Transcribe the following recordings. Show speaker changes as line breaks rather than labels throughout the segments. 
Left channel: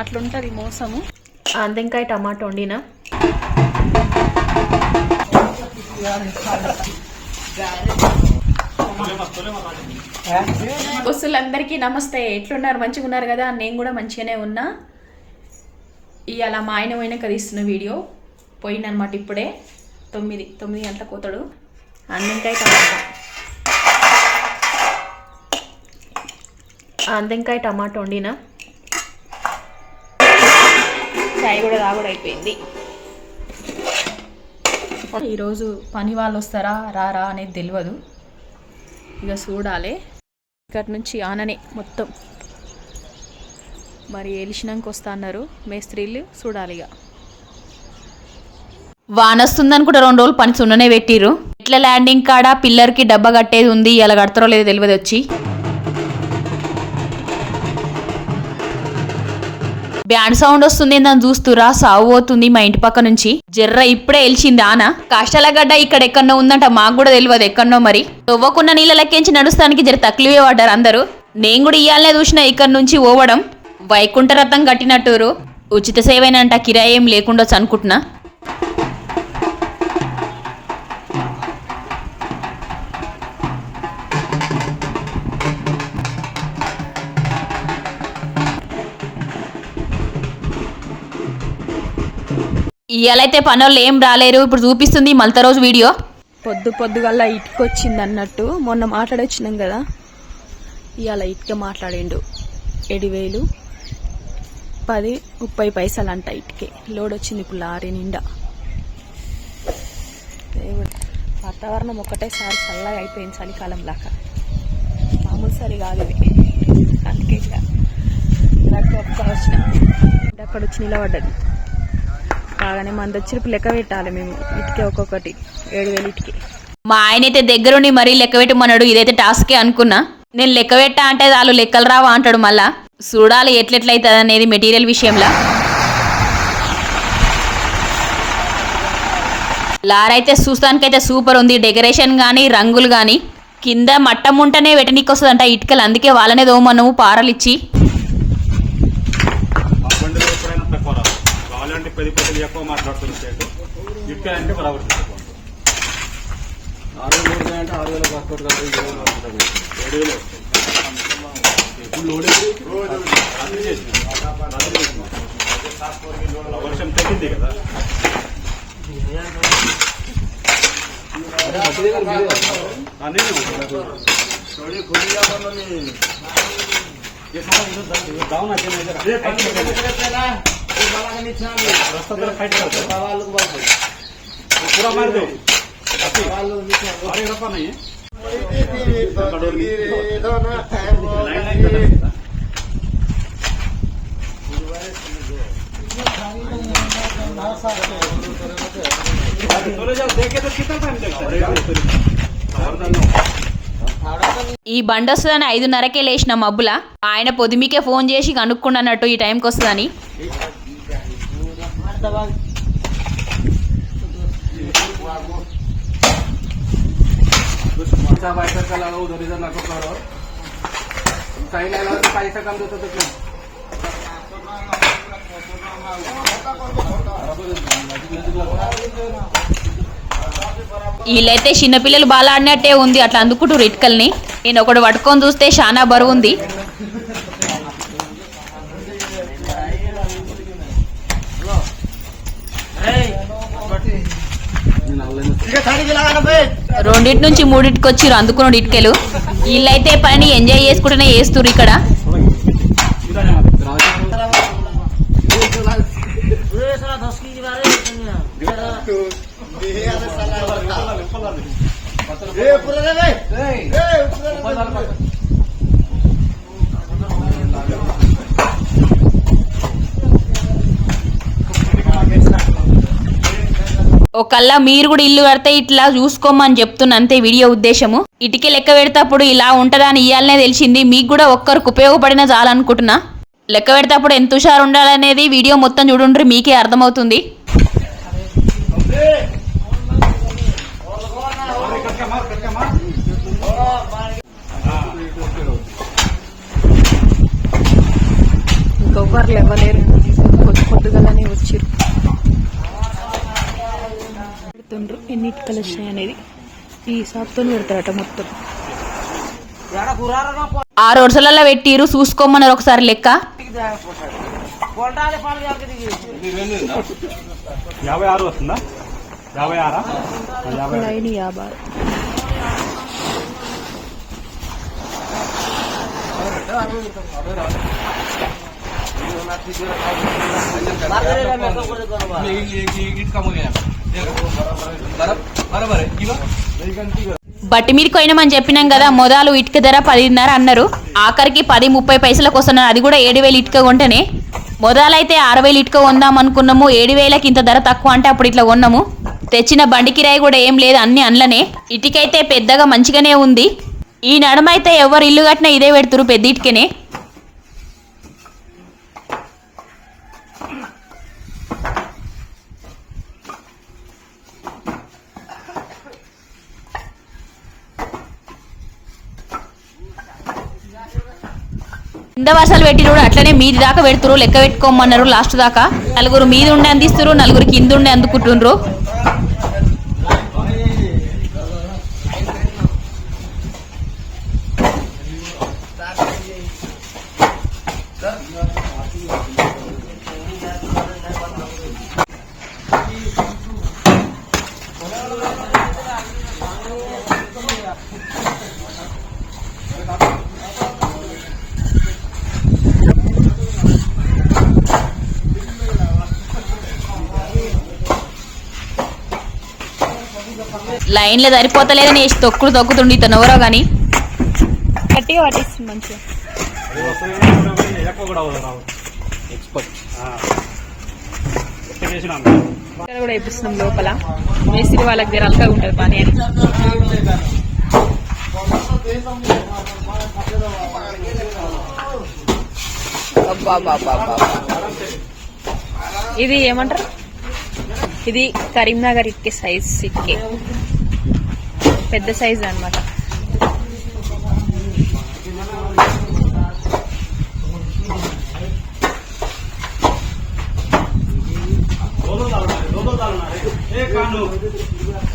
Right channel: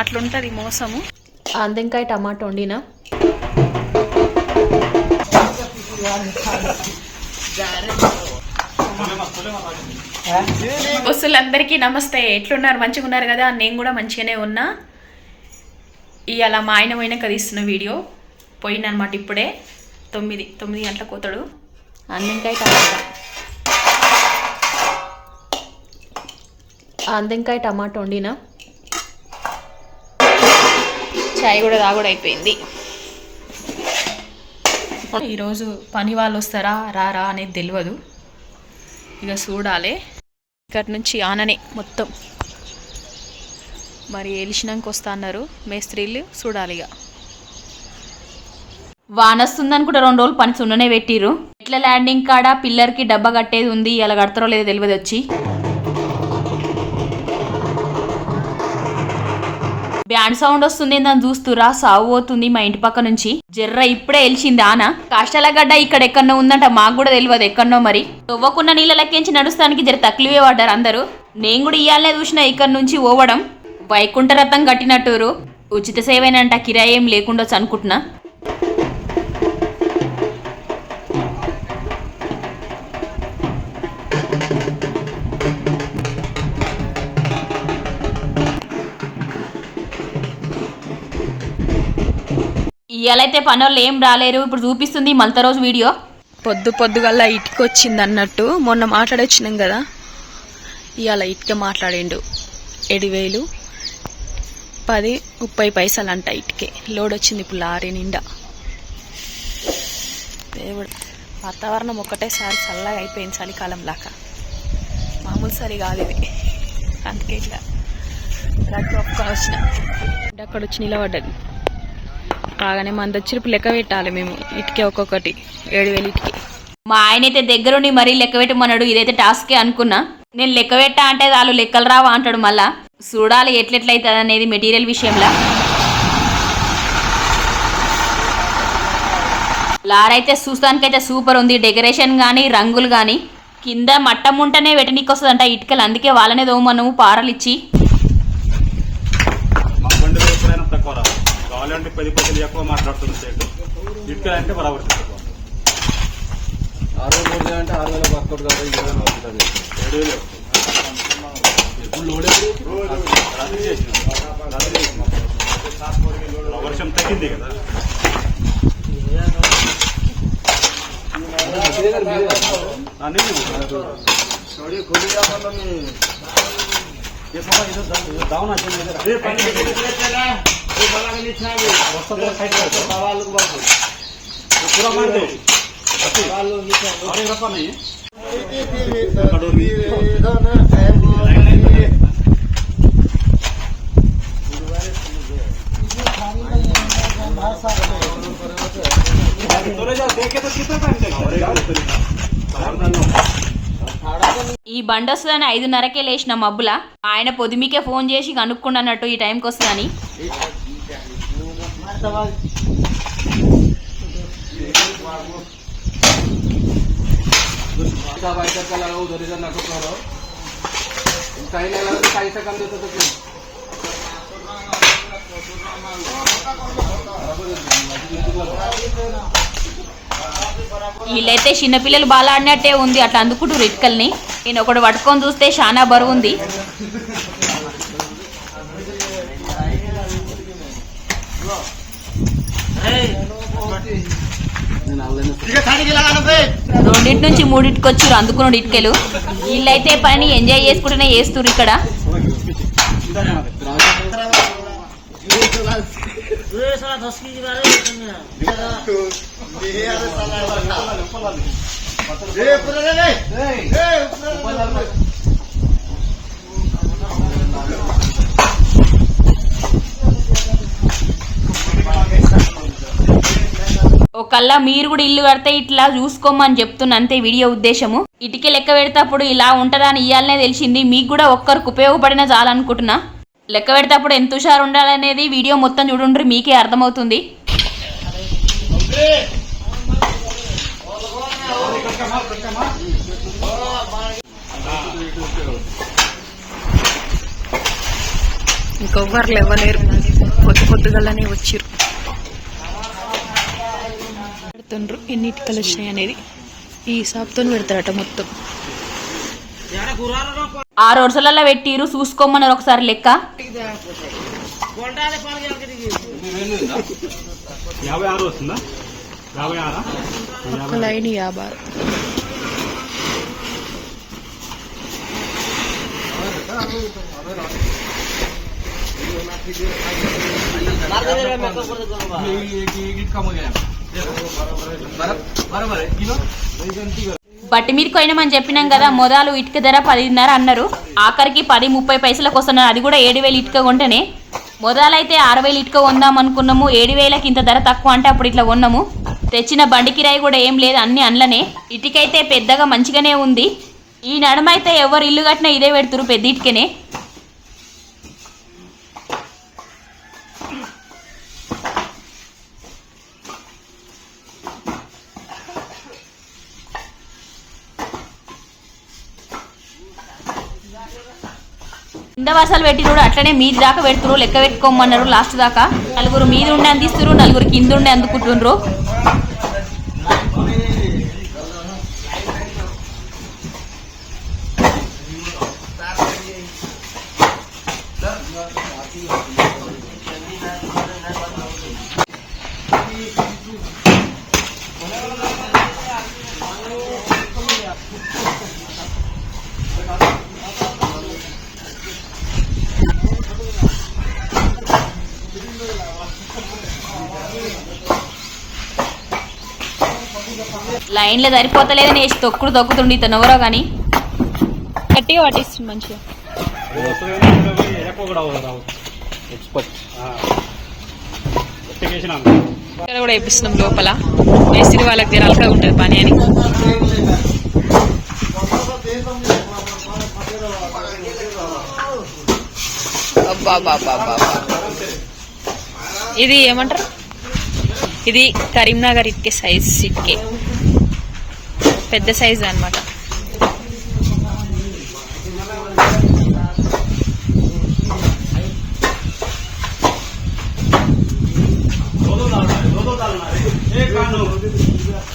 అట్లుంటుంది మోసము.
అందెంకాయ టమాటో వండినా.
బస్సులందరికీ నమస్తే. ఎట్లున్నారు? మంచిగా ఉన్నారు కదా? నేను కూడా మంచిగానే ఉన్నా. ఇవాళ మా ఆయన పోయినాక తీస్తున్న వీడియో. పోయిందనమాట ఇప్పుడే. తొమ్మిది తొమ్మిది గంటలకు పోతాడు.
అందెంకాయ టమాటా. అందెంకాయ టమాటో వండినా.
చాయ్ కూడా తాగుడు అయిపోయింది. ఈరోజు పని వాళ్ళు వస్తారా రారా అనేది తెలియదు ఇక చూడాలి. ఇక్కడి నుంచి ఆననే మొత్తం. మరి ఎలిసినాక వస్తా అన్నారు. మేస్త్రీలు చూడాలి ఇక. వాన వస్తుందని కూడా రెండు రోజులు పని సున్ననే పెట్టిర్రు. ఎట్లా ల్యాండింగ్ కాడ పిల్లర్కి డబ్బా కట్టేది ఉంది ఇలా కడతారో లేదో తెలియదు వచ్చి బ్యాండ్ సౌండ్ వస్తుంది నన్ను చూస్తురా? సావు అవుతుంది మా ఇంటి పక్క నుంచి. జర్ర ఇప్పుడే ఎలిచింది ఆనా. కాష్టాల గడ్డ ఇక్కడ ఎక్కడో ఉందంట మాకు కూడా తెలియదు ఎక్కడో మరి. తవ్వకున్న నీళ్ళ లెక్కించి నడుస్తానికి జర తక్లివే పడ్డారు అందరూ. నేను కూడా ఇయ్యాలనే చూసిన ఇక్కడ నుంచి పోవడం వైకుంఠ రథం కట్టినట్టురు. ఉచిత సేవేనంట కిరాయి ఏం లేకుండా అనుకుంటున్నా ఇవాళైతే పనులు ఏం రాలేరు. ఇప్పుడు చూపిస్తుంది మలత రోజు వీడియో. పొద్దు పొద్దుగల్లా ఇటుక వచ్చింది అన్నట్టు మొన్న మాట్లాడొచ్చినాం కదా. ఇవాళ ఇటుక మాట్లాడిండు. ఏడు వేలు పది ముప్పై పైసలు అంట ఇటుకే. లోడ్ వచ్చింది ఇప్పుడు లారీ నిండా. దేవుడు వాతావరణం ఒకటేసారి చల్లగా అయిపోయింది చలికాలం లాగా మామూలు సరి కాదు ఇది. అందుకే ఇట్లా. ఒక్క వచ్చిన అక్కడ వచ్చి నిలబడ్డది. కాగానే మన వచ్చి లెక్క పెట్టాలి మేము. ఇటుకే ఒక్కొక్కటి. ఏడు వేలు ఇటుకే. మా ఆయన అయితే దగ్గరుండి మరీ లెక్క పెట్టమన్నాడు. ఇదైతే టాస్కే అనుకున్నా. నేను లెక్క పెట్టా అంటే వాళ్ళు లెక్కలు రావా అంటాడు మళ్ళా. చూడాలి ఎట్లెట్లయితుంది అనేది మెటీరియల్ విషయంలో. లారైతే చూస్తానికైతే సూపర్ ఉంది. డెకరేషన్ కానీ రంగులు కానీ కింద మట్టం ఉంటేనే వెటనీకి వస్తుందంట ఇటుకలు. అందుకే వాళ్ళనే దోమన్నాము పారలిచ్చి ఇచ్చి
మా కొండ ఎక్కడైనా తక్కువ రావు కావాలంటే పది పదలు ఎక్కువ మాట్లాడుతుంటాడు ఇట్లా అంటే రావట్లేదు
ఆరు వేల అంటే ఆరు వేల ఒక్కటి
ఏడు వేలు వస్తాయి. రద్దు చేసిన. రద్దు చేసిన. వర్షం తగ్గింది డౌన్ అక్కడ पूरा साइड कर दो पूरा मार दो अरे रफा नहीं है बोले जाओ देखे तो कितना टाइम लगता
ఈ బండి వస్తుందని ఐదున్నరకే లేచిన మబ్బుల ఆయన పొదిమికే ఫోన్ చేసి కనుక్కున్నట్టు ఈ టైంకి వస్తుందని
इतना पैसा का लगा उधर इधर नको करो कहीं नहीं लगा तो पैसा कम देते तो क्यों
వీళ్ళైతే చిన్నపిల్లలు బాగా ఆడినట్టే ఉంది అట్లా అందుకుంటారు ఇటుకల్ని నేను ఒకటి పట్టుకొని చూస్తే చాలా బరువు ఉంది రెండింటి నుంచి మూడింటికి వచ్చిర్రు అందుకున్నాడు ఇటుకలు వీళ్ళైతే పని ఎంజాయ్ చేసుకుంటూనే చేస్తుర్రు ఇక్కడ ఒకళ్ళ మీరు కూడా ఇల్లు కడితే ఇట్లా చూసుకోమని చెప్తున్నా అంతే వీడియో ఉద్దేశము. ఇటుకే లెక్క పెడతప్పుడు ఇలా ఉంటుందా అని ఇయ్యాలనే తెలిసింది. మీకు కూడా ఒక్కరికి ఉపయోగపడినా చాలనుకుంటున్నా. లెక్క పెడతప్పుడు ఎంత హుషారు ఉండాలనేది వీడియో మొత్తం చూడుండ్రి మీకే అర్థమవుతుంది.
ఇంకొకరు ఇవ్వలేరు పొద్దు పొద్దుగలనే వచ్చిరు పెడుతుండ్రు. ఎన్ని ఇటుకలు వచ్చినాయి అనేది ఈ షాప్తో పెడతారట మొత్తం.
ఆరు వరుసలలో పెట్టిరు చూసుకోమన్నారు ఒకసారి లెక్క.
యాభై ఆరు వస్తుందా యాభై ఆరా
ఒక లైన్ యాభై.
బట్టి మీద కొయినామని చెప్పినాం కదా మొదలు ఇటుక ధర పదిన్నర అన్నారు. ఆఖరికి పది ముప్పై పైసలకు వస్తున్నారు అది కూడా ఏడు వేలు ఇటుక కొంటేనే. మొదలైతే ఆరు వేలు ఇటుక కొందాం అనుకున్నాము ఏడు వేలకి ఇంత ధర తక్కువ అంటే అప్పుడు ఇట్లా కొన్నాము. తెచ్చిన బండి కిరాయి కూడా ఏం లేదు అన్ని అండ్లనే ఇటుకైతే పెద్దగా మంచిగానే ఉంది. ఈ నడమైతే ఎవరు ఇల్లు కట్టినా ఇదే పెడుతురు పెద్ద ఇటుకనే. కింద వరుసలు పెట్టి అట్లనే మీది దాకా పెడుతురు లెక్క పెట్టుకోమన్నారు లాస్ట్ దాకా. నలుగురు మీద ఉండి అందిస్తురు నలుగురు కింద ఉండి అందుకుంటుండ్రు లైన్లో సరిపోతలేదని వేసి తొక్కుడు తొక్కుతుండి ఇతను ఎవరో కానీ
గట్టిగా పట్టిస్తుంది మంచిగా. ఇక్కడ కూడా వేపిస్తున్నాం లోపల. మేస్త్రి వాళ్ళకి జర ఉంటుంది పని అని. ఇది ఏమంటారు? ఇది కరీంనగర్ ఇటుకే సైజ్ ఇటుకే. పెద్ద సైజ్ అన్నమాట.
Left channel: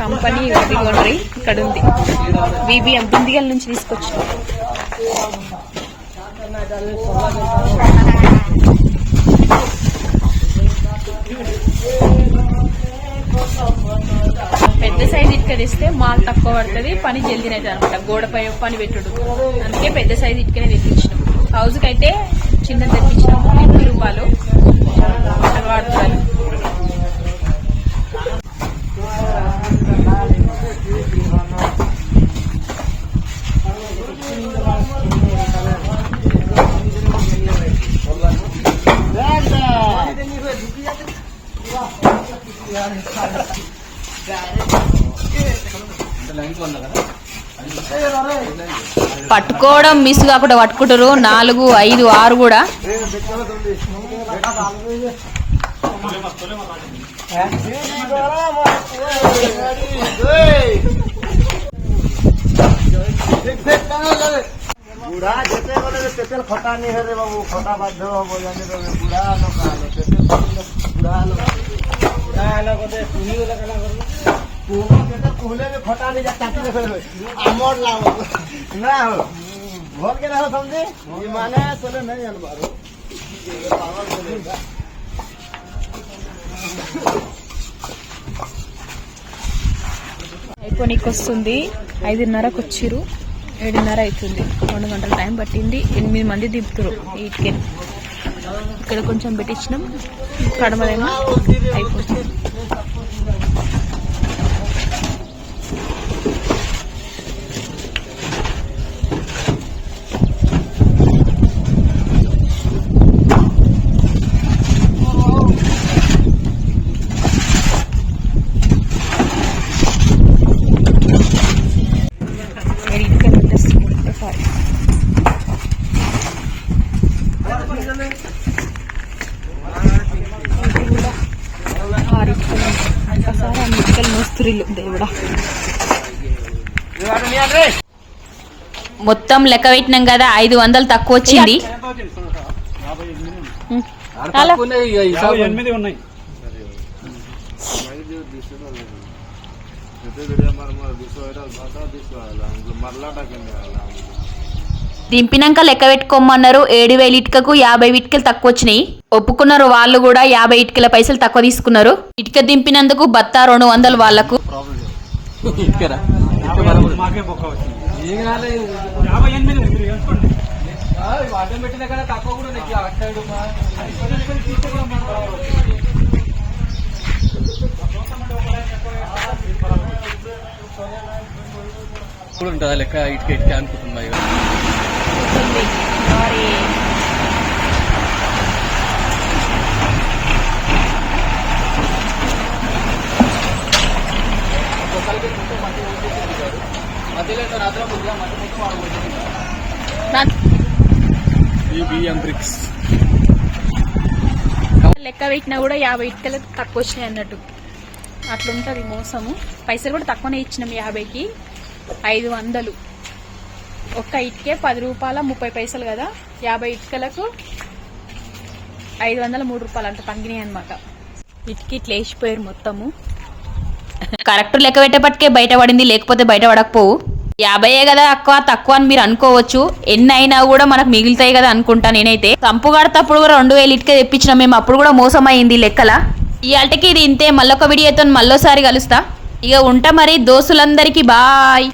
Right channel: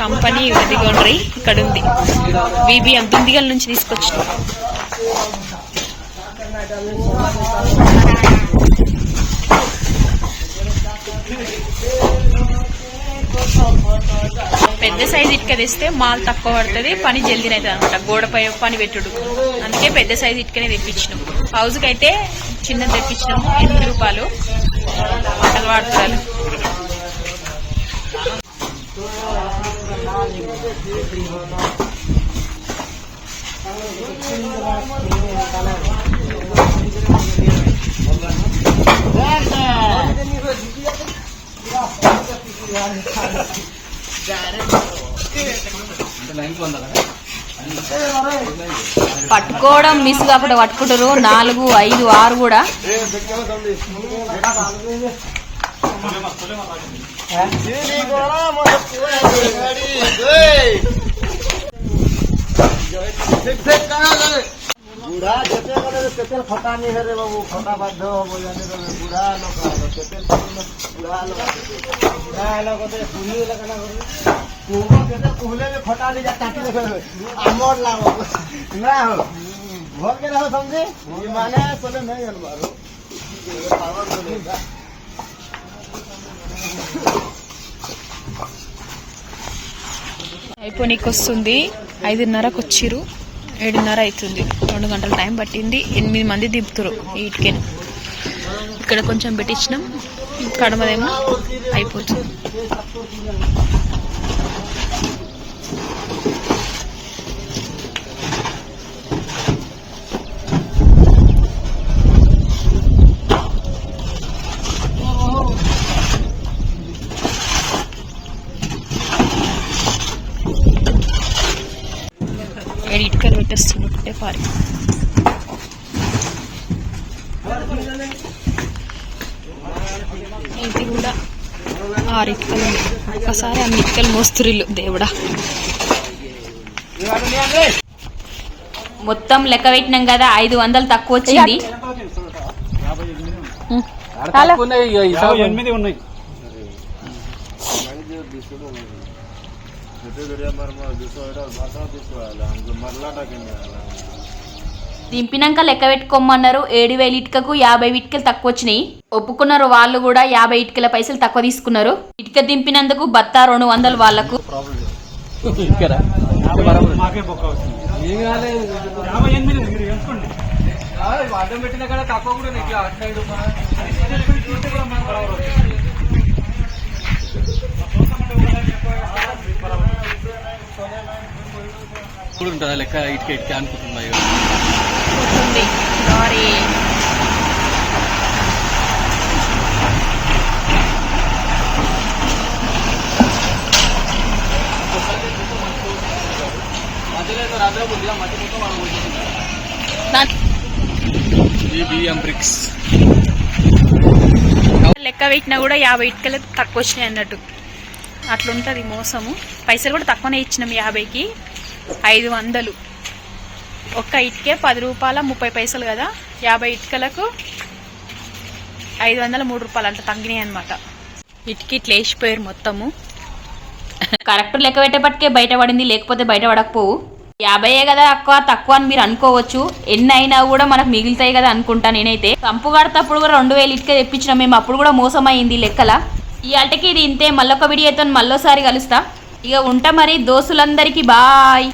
కంపెనీ ఇదిగోండ్రి ఇక్కడ ఉంది బీబీఎం దుందిగల నుంచి తీసుకొచ్చిన. పెద్ద సైజ్ ఇటుక తెస్తే మాల్ తక్కువ పడుతుంది పని జల్దీ అవుతుంది అనమాట గోడపై పని పెట్టుడు. అందుకే పెద్ద సైజ్ ఇటుకనే తెప్పించినాం. హౌస్కి అయితే చిన్నది తెప్పించినాము ఎనిమిది రూపాయలు.
పట్టుకోవడం మిస్ కాకుండా పట్టుకుంటారు. నాలుగు ఐదు ఆరు కూడా.
আমর
అయిపోనీకి వస్తుంది ఐదున్నరకు వచ్చిరు ఏడున్నర అవుతుంది రెండు గంటల టైం పట్టింది. ఎనిమిది మంది దింపుతారు ఈటికెన్ ఇక్కడ కొంచెం పెట్టించినాం. కడమదేమో అయిపోతుంది. ఏడు ఇటుకలు పెట్టేస్తున్నాం ఒకటే పారి ఇది కూడా ఆరు ఇటుకలు ఉన్నాయి ఒకసారి అన్ని ఇటుకలు మోస్తురిల్లు దేవుడా
మొత్తం లెక్క పెట్టినాం కదా ఐదు వందలు తక్కువ వచ్చింది. దింపినాక లెక్క పెట్టుకోమన్నారు ఏడు వేలు ఇటుకకు యాభై ఇటుకలు తక్కువ వచ్చినాయి. ఒప్పుకున్నారు వాళ్ళు కూడా యాభై ఇటుకల పైసలు తక్కువ తీసుకున్నారు. ఇటుక దింపినందుకు బత్తా రెండు వందలు
వాళ్ళకు
మాకే బొక్క వచ్చింది. యాభై ఎనిమిది మీరు
అడ్డం పెట్టిన కాడ తక్కువ కూడా నీకు అటు సైడ్ మా- ఉంటుందా లెక్క ఇటుక ఇటుక అనుకుంటున్నాయి
ఉంది లారీ దాని
ఈ బియ్యం బ్రిక్స్
లెక్క పెట్టినా కూడా యాభై ఇటుకలు తక్కువ వచ్చినాయి అన్నట్టు. అట్లుంటుంది మోసము. పైసలు కూడా తక్కువనే ఇచ్చినాం యాభైకి. ఐదు వందలు. ఒక్క ఇటుకే పది రూపాయల ముప్పై పైసలు కదా. యాభై ఇటుకలకు ఐదు వందల మూడు రూపాయలు అంత తగ్గినాయి అనమాట ఇటుకి ఇట్లా వేసిపోయారు మొత్తము.
కరెక్ట్ లెక్క పెట్టేపటికే బయటపడింది లేకపోతే బయట పడకపోవు. యాభైయే కదా అక్క తక్కువ అని మీరు అనుకోవచ్చు. ఎన్ని అయినా కూడా మనకు మిగులుతాయి కదా అనుకుంటా నేనైతే. సంపు కడతప్పుడు కూడా రెండు వేలు ఇటుకే తెప్పించిన మేము అప్పుడు కూడా మోసం అయింది లెక్కల. ఇవాళకి ఇది ఇంతే మళ్ళొక వీడియోతో మళ్ళోసారి కలుస్తా. ఇక ఉంటా మరి దోస్తులందరికీ బాయ్.